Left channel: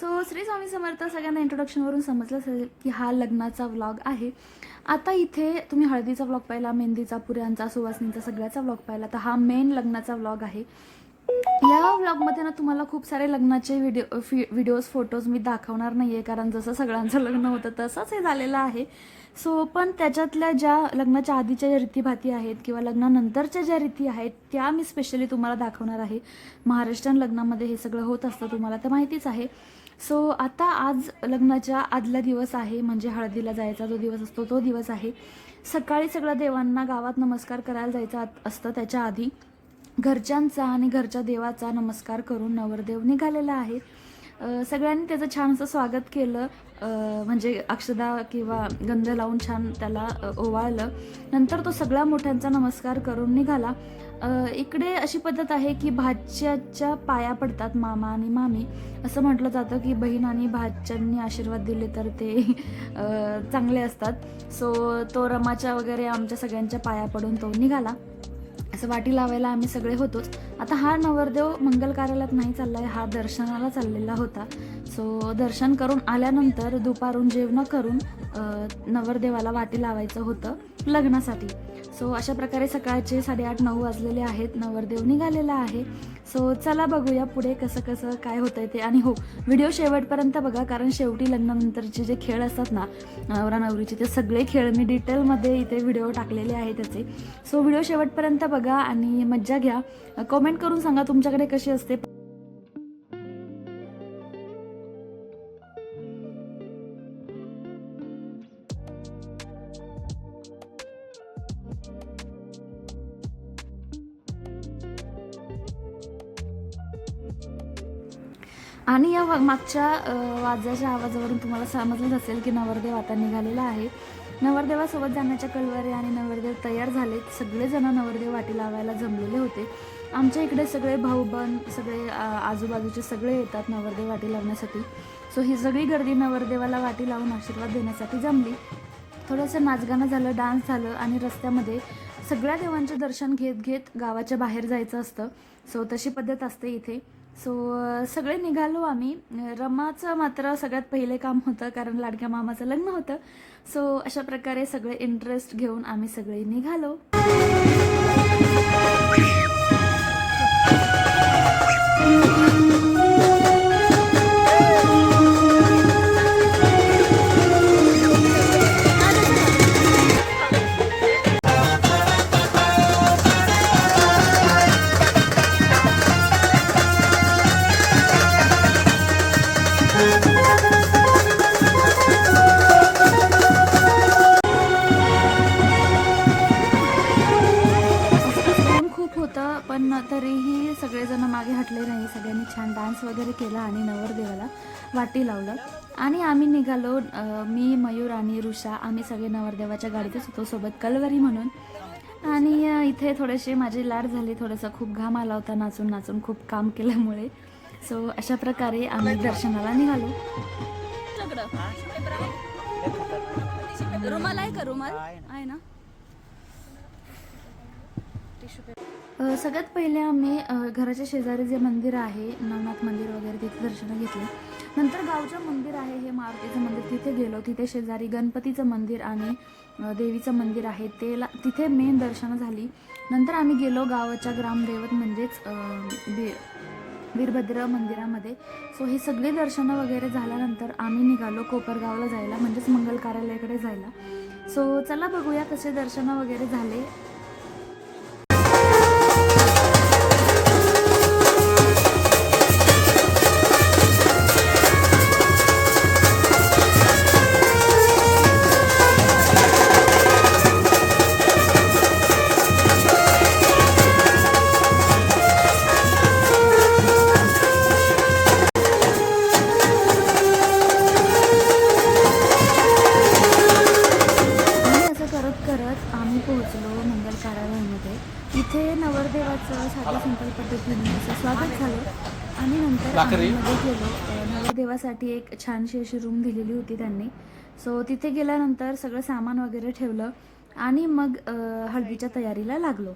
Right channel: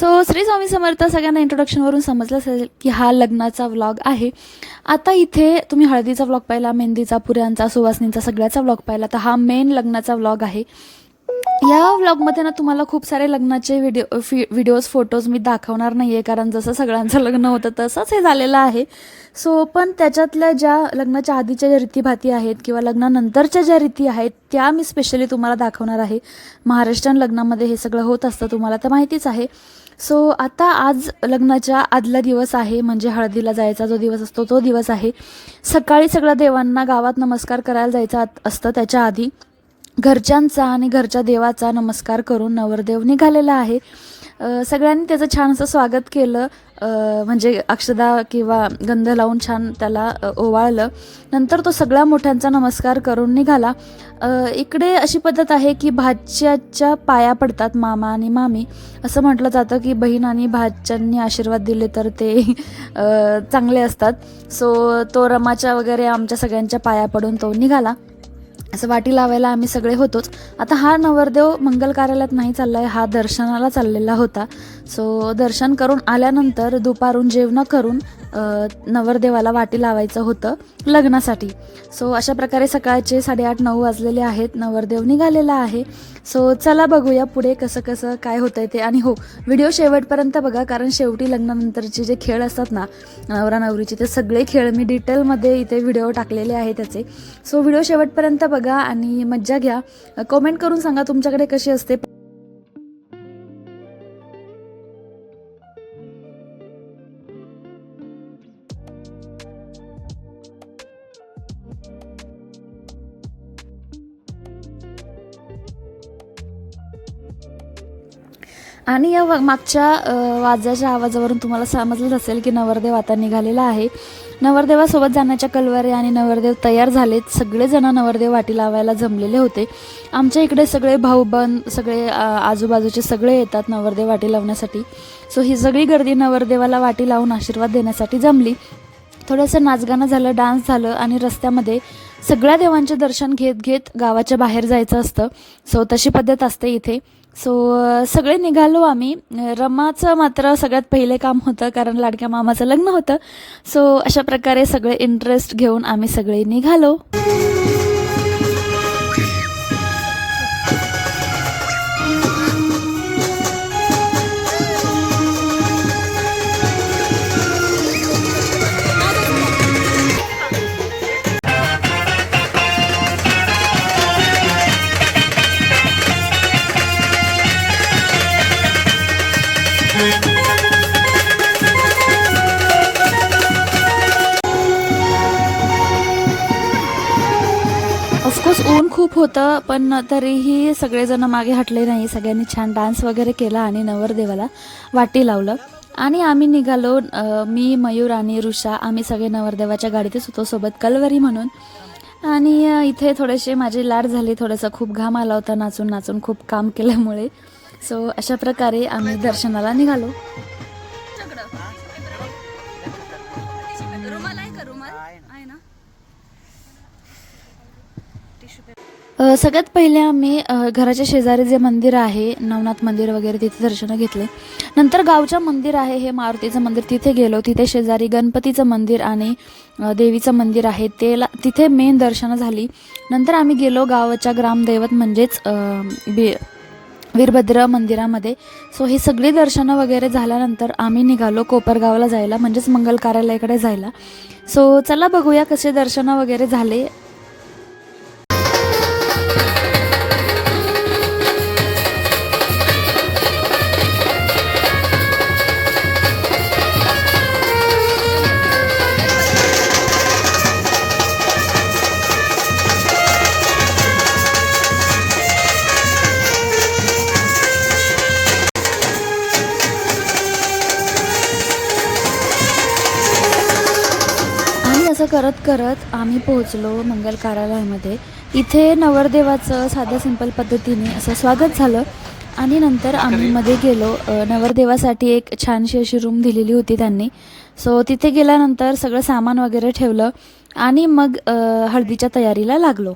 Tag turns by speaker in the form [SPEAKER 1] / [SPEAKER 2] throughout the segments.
[SPEAKER 1] So Shri Swami Samarth सगळ्यांना इंट्रोडक्शनवरून समजलं असेल की हा लग्नाचा व्लॉग आहे. आता इथे तुम्ही हळदीचा व्लॉग पाहिला मेहंदीचा पुऱ्यांचा सुवासनींचा सगळ्याचा व्लॉग पाहिला. तर हा मेन लग्नाचा व्लॉग आहे. या व्लॉगमध्ये ना तुम्हाला खूप सारे लग्नाचे व्हिडिओ फि व्हिडिओज फोटोज मी दाखवणार नाही आहे कारण जसं सगळ्यांचं लग्न होतं तसंच हे झालेलं आहे. सो पण त्याच्यातल्या ज्या लग्नाच्या आधीच्या ज्या रीतीभाती आहेत किंवा लग्नानंतरच्या ज्या रीती आहेत त्या मी स्पेशली तुम्हाला दाखवणार आहे. महाराष्ट्रीयन लग्नामध्ये हे सगळं होत असतं तुम्हाला तर माहितीच आहे. सो आता आज लग्नाच्या आदला दिवस आहे म्हणजे हळदीला जायचा जो दिवस असतो तो दिवस आहे. सकाळी सगळ्या देवांना गावात नमस्कार करायला जायचा आत- असतं त्याच्या आधी. घरच्यांचा आणि घरच्या देवाचा नमस्कार करून नवरदेव निघालेला आहे. सगळ्यांनी त्याचं छान असं स्वागत केलं. म्हणजे अक्षदा किंवा गंध लावून छान त्याला ओवाळलं. नंतर तो सगळ्या मोठ्यांचा नमस्कार करून निघाला. इकडे अशी पद्धत आहे की भाच्याच्या पाया पडतात मामा आणि मामी. असं म्हटलं जातं की बहीण आणि भाच्यांनी आशीर्वाद दिले तर ते चांगले असतात. सो तो रमाच्या वगैरे आमच्या सगळ्यांच्या पाया पडून तो निघाला. असं वाटी लावायला आम्ही सगळे होतोच. आता हा नवरदेव मंगल कार्यालयात नाही चाललाय हा दर्शनाला चाललेला होता. सो दर्शन करून आल्यानंतर दुपारून जेवण करून नवरदेवाला वाटी लावायचं होतं लग्नासाठी. सो अशा प्रकारे सकाळचे साडेआठ नऊ वाजलेले आहेत. नवरदेव निघालेला आहे. सो चला बघूया पुढे कसं कसं काय होतंय ते. आणि हो व्हिडिओ शेवटपर्यंत बघा कारण शेवटी लग्नानंतरचे जे खेळ असतात ना नवरा नवरीचे ते सगळे खेळ मी डिटेलमध्ये इथे व्हिडिओ टाकलेले आहे त्याचे. सो व्हिडिओ शेवटपर्यंत बघा आणि मज्जा घ्या. कमेंट करून सांगा तुमच्याकडे कशी असते. आणि या मागच्या वाजाच्या आवाजावरून तुम्हाला समजलंच असेल की नवरदेव आता निघालेला आहे. नवरदेवासोबत जाण्याच्या कलवरे आणि नवरदेव तयार झालेत. सगळेजण नवरदेव वाटी लावायला जमलेले होते. आमच्या इकडे सगळे भाऊबंद सगळे आजूबाजूचे सगळे येतात नवरदेव वाटी लावण्यासाठी. सो ही सगळी गर्दी नवरदेवाला वाटी लावून आशीर्वाद देण्यासाठी जमली. थोडंसं नाचगाणं झालं डान्स झालं आणि रस्त्यामध्ये सगळ्या देवांचे दर्शन घेत घेत गावाच्या बाहेर जायचं असतं. सो तशी पद्धत असते इथे. सो सगळे निघालो आम्ही. रमाचं मात्र सगळ्यात पहिले काम होतं कारण लाडक्या मामाचं लग्न होतं. सो अशा प्रकारे सगळे इंटरेस्ट घेऊन आम्ही सगळे निघालो. पण तरीही सगळेजण मागे हटले नाही. सगळ्यांनी छान डान्स वगैरे केला आणि नवरदेवाला वाटी लावलं. आणि आम्ही निघालो मी मयूर आणि ऋषा आम्ही सगळे नवरदेवाच्या गाडीतच होतो सोबत कलवरी म्हणून. आणि इथे थोडेसे माझे लाड झाले थोडंसं खूप घाम आला होता नाचून नाचून खूप काम केल्यामुळे. सो अशा प्रकारे आम्ही दर्शनाला निघालो. सगळ्यात पहिले आम्ही घराच्या शेजारी जे मंदिर आहे नवनाथ मंदिर वगैरे तिथे दर्शनं घेतले. नंतर गावच्या मंदिर आहे हे मारुतीचं मंदिर तिथे गेलो. तिथे शेजारी गणपतीचं मंदिर आणि देवीचं मंदिर आहे ते तिथे मेन दर्शनं झाली. नंतर आम्ही गेलो गावाच्या ग्रामदैवत म्हणजेच बी वीरभद्र मंदिरामध्ये. सो हे सगळी दर्शनं वगैरे झाल्यानंतर आम्ही निघालो कोपरगावला जायला म्हणजेच मंगल कार्यालयाकडे जायला. सो चला बघूया कसे दर्शनं वगैरे झाले. करत करत आम्ही पोहोचलो मंगल कार्यालयामध्ये. इथे नवरदेवाचं साध्या सिंपल पद्धतीने असं स्वागत झालं आणि नंतर आम्ही मध्ये गेलो. नवरदेवासाठी एक छानशी अशी रूम दिलेली होती त्यांनी. सो तिथे गेल्यानंतर सगळं सामान वगैरे ठेवलं आणि मग हळदीच्या तयारीला लागलो.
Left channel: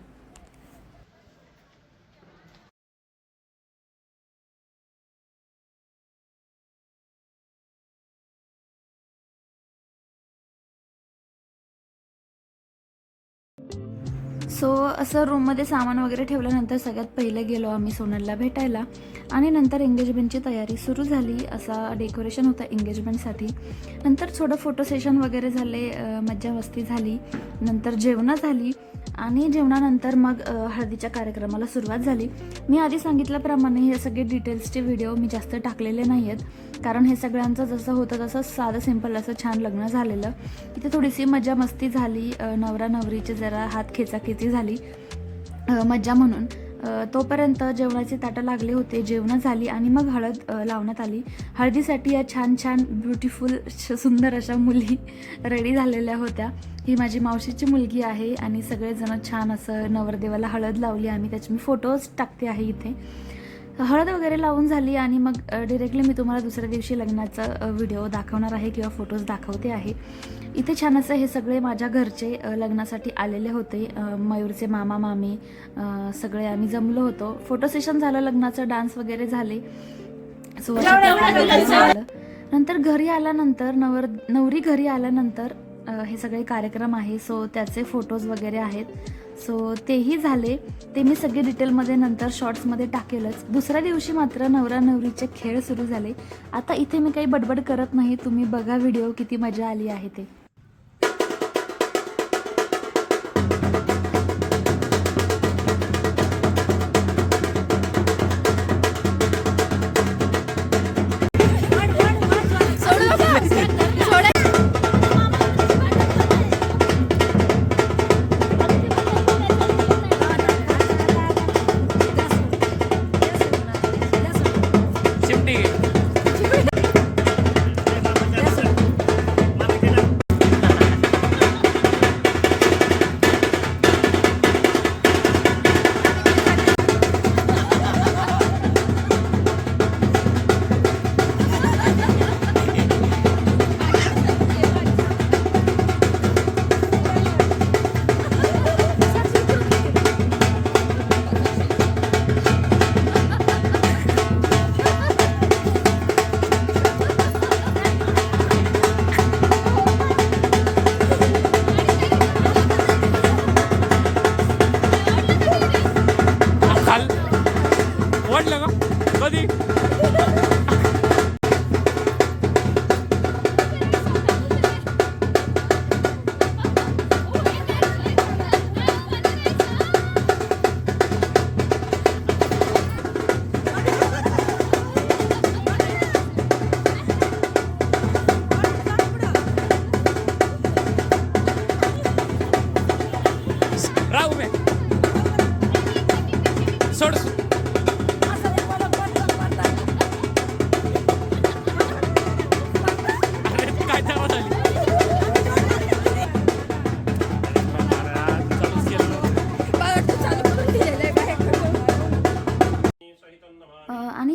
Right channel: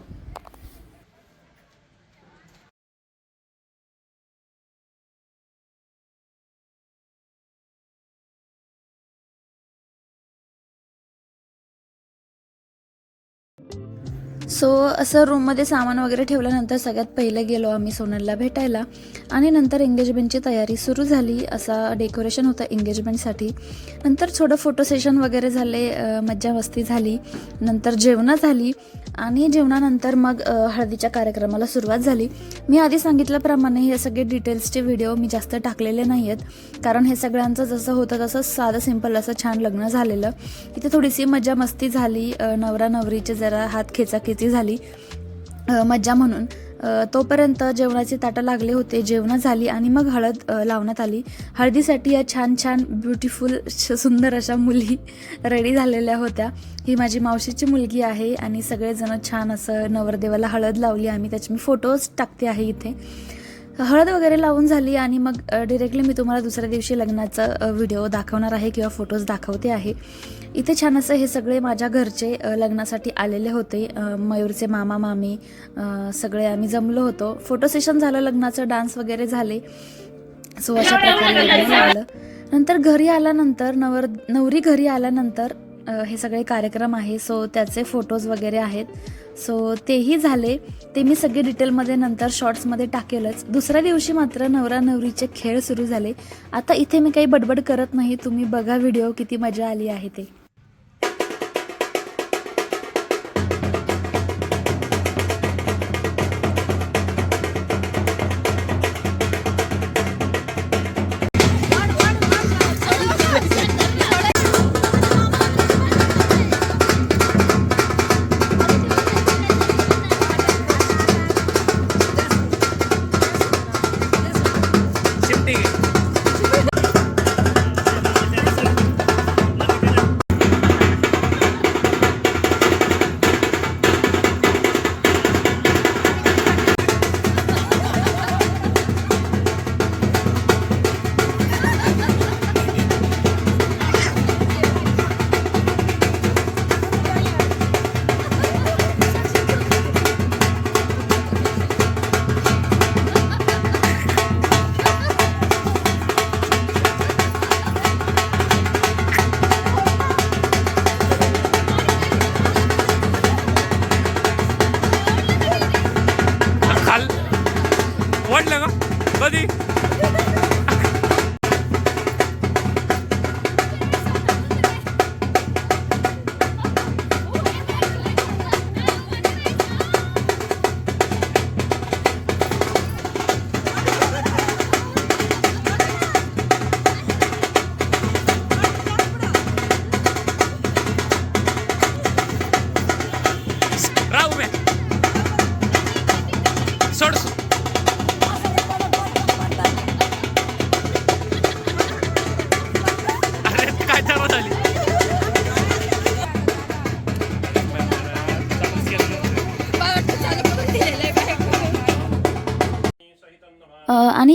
[SPEAKER 1] सो असं रूममध्ये सामान वगैरे ठेवल्यानंतर सगळ्यात पहिले गेलो आम्ही सोनलला भेटायला. आणि नंतर एंगेजमेंटची तयारी सुरू झाली. असा डेकोरेशन होतं एंगेजमेंटसाठी नंतर थोडं फोटो सेशन वगैरे झाले मज्जा मस्ती झाली. नंतर जेवणं झाली. आणि जेवणानंतर मग हळदीच्या कार्यक्रमाला सुरुवात झाली. मी आधी सांगितल्याप्रमाणे हे सगळे डिटेल्सचे व्हिडिओ मी जास्त टाकलेले नाही आहेत कारण हे सगळ्यांचं जसं होतं तसं साधं सिंपल असं छान लग्न झालेलं. तिथे थोडीशी मजा मस्ती झाली. नवरा नवरीचे जरा हात खेचाखेची झाली. मज्जा म्हणून. तोपर्यंत जेवणाचे ताटं लागले होते जेवणं झाली आणि मग हळद लावण्यात आली. हळदीसाठी या छान छान ब्युटिफुल सुंदर अशा मुली रेडी झालेल्या होत्या. ही माझी मावशीची मुलगी आहे आणि सगळेजण छान असं नवरदेवाला हळद लावली. आम्ही त्याचे मी फोटोज टाकते आहे इथे. हळद वगैरे लावून झाली आणि मग डिरेक्टली मी तुम्हाला दुसऱ्या दिवशी लग्नाचा व्हिडिओ दाखवणार आहे किंवा फोटोज दाखवते आहे. इथे छान असं हे सगळे माझ्या घरचे लग्नासाठी आलेले होते. मयूरचे मामा मामी सगळे आम्ही जमलो होतो. फोटो सेशन झालं लग्नाचं डान्स वगैरे झाले. सो अशा प्रकारे झालं. नंतर घरी आल्यानंतर नवर नवरी घरी आल्यानंतर हे सगळे कार्यक्रम आहे. सो त्याचे फोटोज वगैरे आहेत. सो तेही झाले. ते मी सगळे डिटेलमध्ये नंतर शॉर्ट्समध्ये टाकेलच. दुसऱ्या दिवशी मात्र नवरा नवरीचे खेळ सुरू झाले. आता इथे मी काही बडबड करत नाही. तुम्ही बघा व्हिडिओ किती मजा आली आहे ते.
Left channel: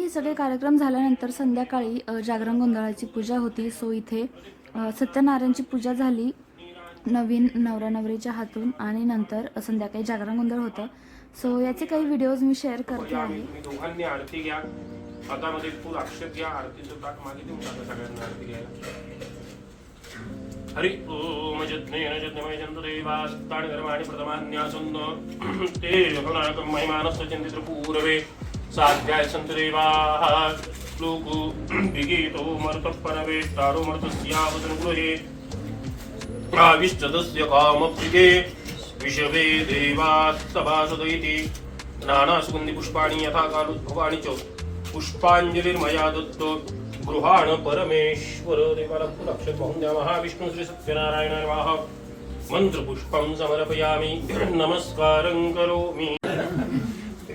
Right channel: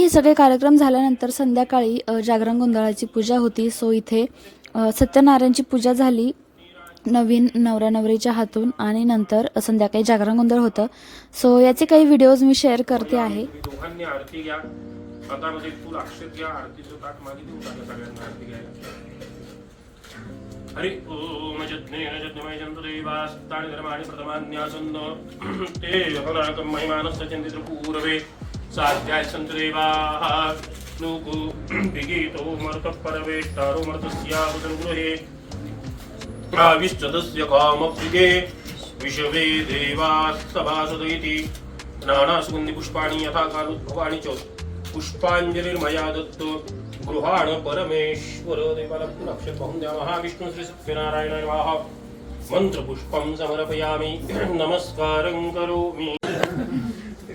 [SPEAKER 1] हे सगळे कार्यक्रम झाल्यानंतर संध्याकाळी जागरण गोंधळाची पूजा होती. सो इथे सत्यनारायणची पूजा झाली नवीन नवरा नवरीच्या हातून आणि नंतर संध्याकाळी जागरण गोंधळ होतं. सो याचे काही व्हिडिओज मी शेअर करते आहे.
[SPEAKER 2] तुम्ही दोघांनी आरती घ्या. हातामध्ये फुल अक्षत घ्या. आरतीचं ताट मागे देऊन टाका सगळ्यांना आरती घ्यायला. हरि ओम जज्ञमय कर्माणि प्रथमान्यासन्न। ते महिमानस्य पूर्वे साध्याय सन्त देवाः लोको विगीतो मरुतः परवेष्टारो मर्तस्याहुतं गृहे। आविष्टदस्य कामप्सिके विषवे देवास्तभासुत इति। नानासुगन्धिपुष्पाणि यथा कालोद्भवानि च पुष्पाञ्जलिर्मया दत्तो। गृहाण परमेश्वर देवाला फुलक्षर बहुं द्या महाविष्णु श्री सत्यनारायण नमः। मंत्रपुष्पं समर्पयामि। नमस्कारं करोमि।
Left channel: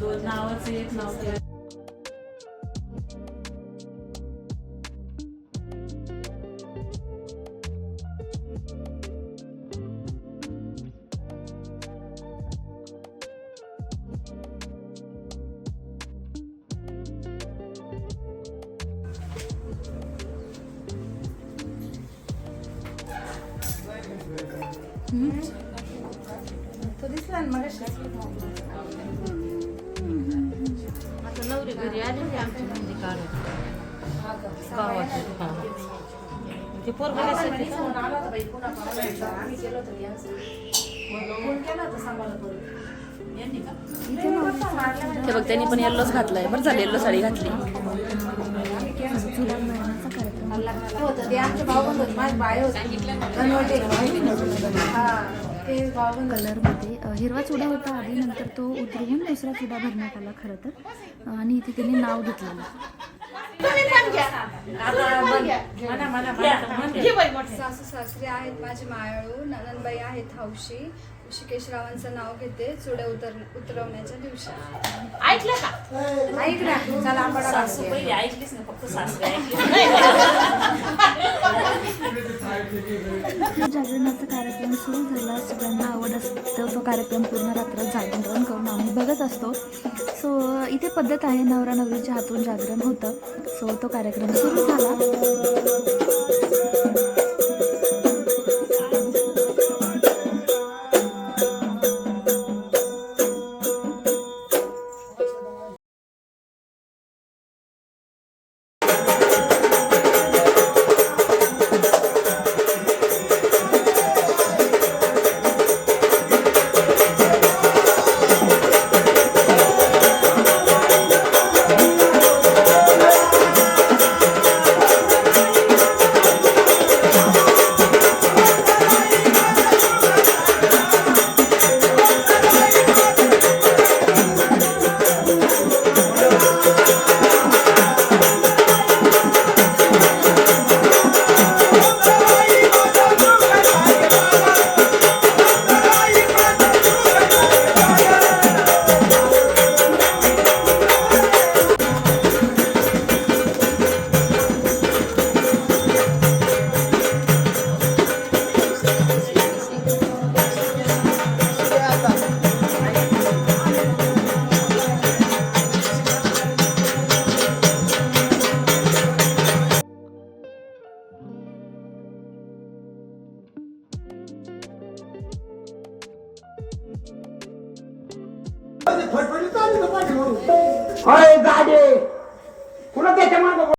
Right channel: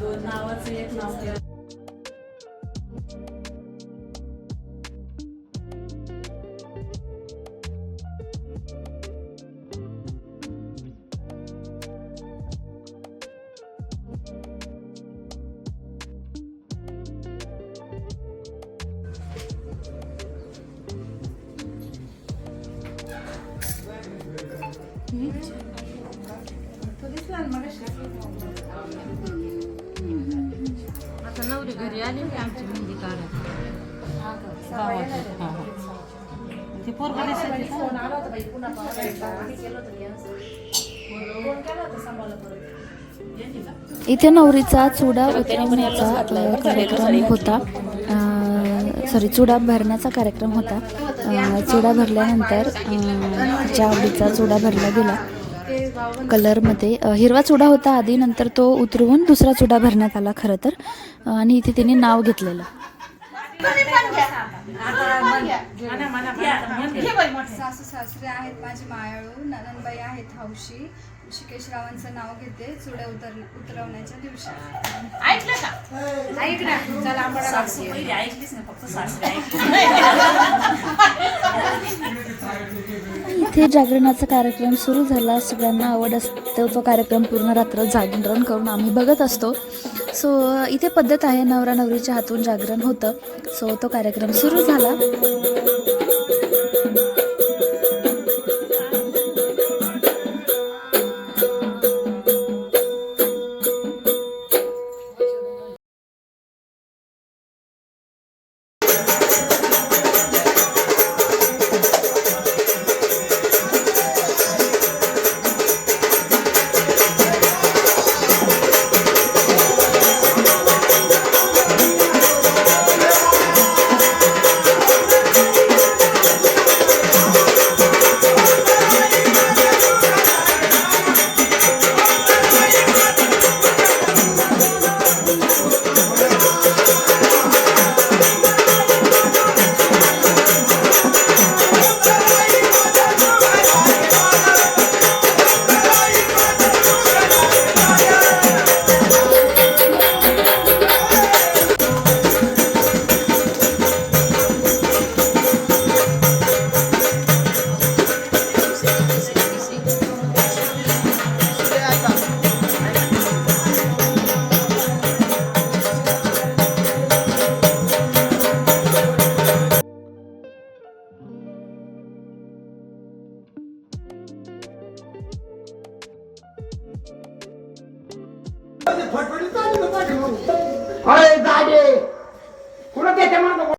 [SPEAKER 3] दोन
[SPEAKER 4] नावाचं येत नव्हतं Hm? Das ist dann. घरी आली की आमची मेहंदी काढायची गावाची हा हा ती पोरगं दिसत
[SPEAKER 1] इथे नवरीचा चुडा होता. सॉरी चुडा भरण्याचा कार्यक्रम होता. चुडा भरल्यानंतर आवडीचा चुडा भरला गेला कलरमध्ये. हिरवा चुडा होता आधी नंतर तो उतरवून दुसरा चुडा भरण्यात आला खरं तर. आणि इथे तिने नाव घेतलेलं.
[SPEAKER 3] सासू सासरे आहेत माझी मायाळू नंदनबाई आहेत हौशी. ऋषिकेश रावांचं नाव घेते चुड्या उतर उतरवण्याच्या दिवशी.
[SPEAKER 1] इथे जागरणाचा कार्यक्रम सुरू झाला. सगळ्यांना आवड असतो तो कार्यक्रम पूर्ण रात्र जागरण करून आम्ही बघत असतो. सो इथे पद्धत आहे नवरा नवरीच्या हातून जागरण होतं. सो तो कार्यक्रम सुरू झाला.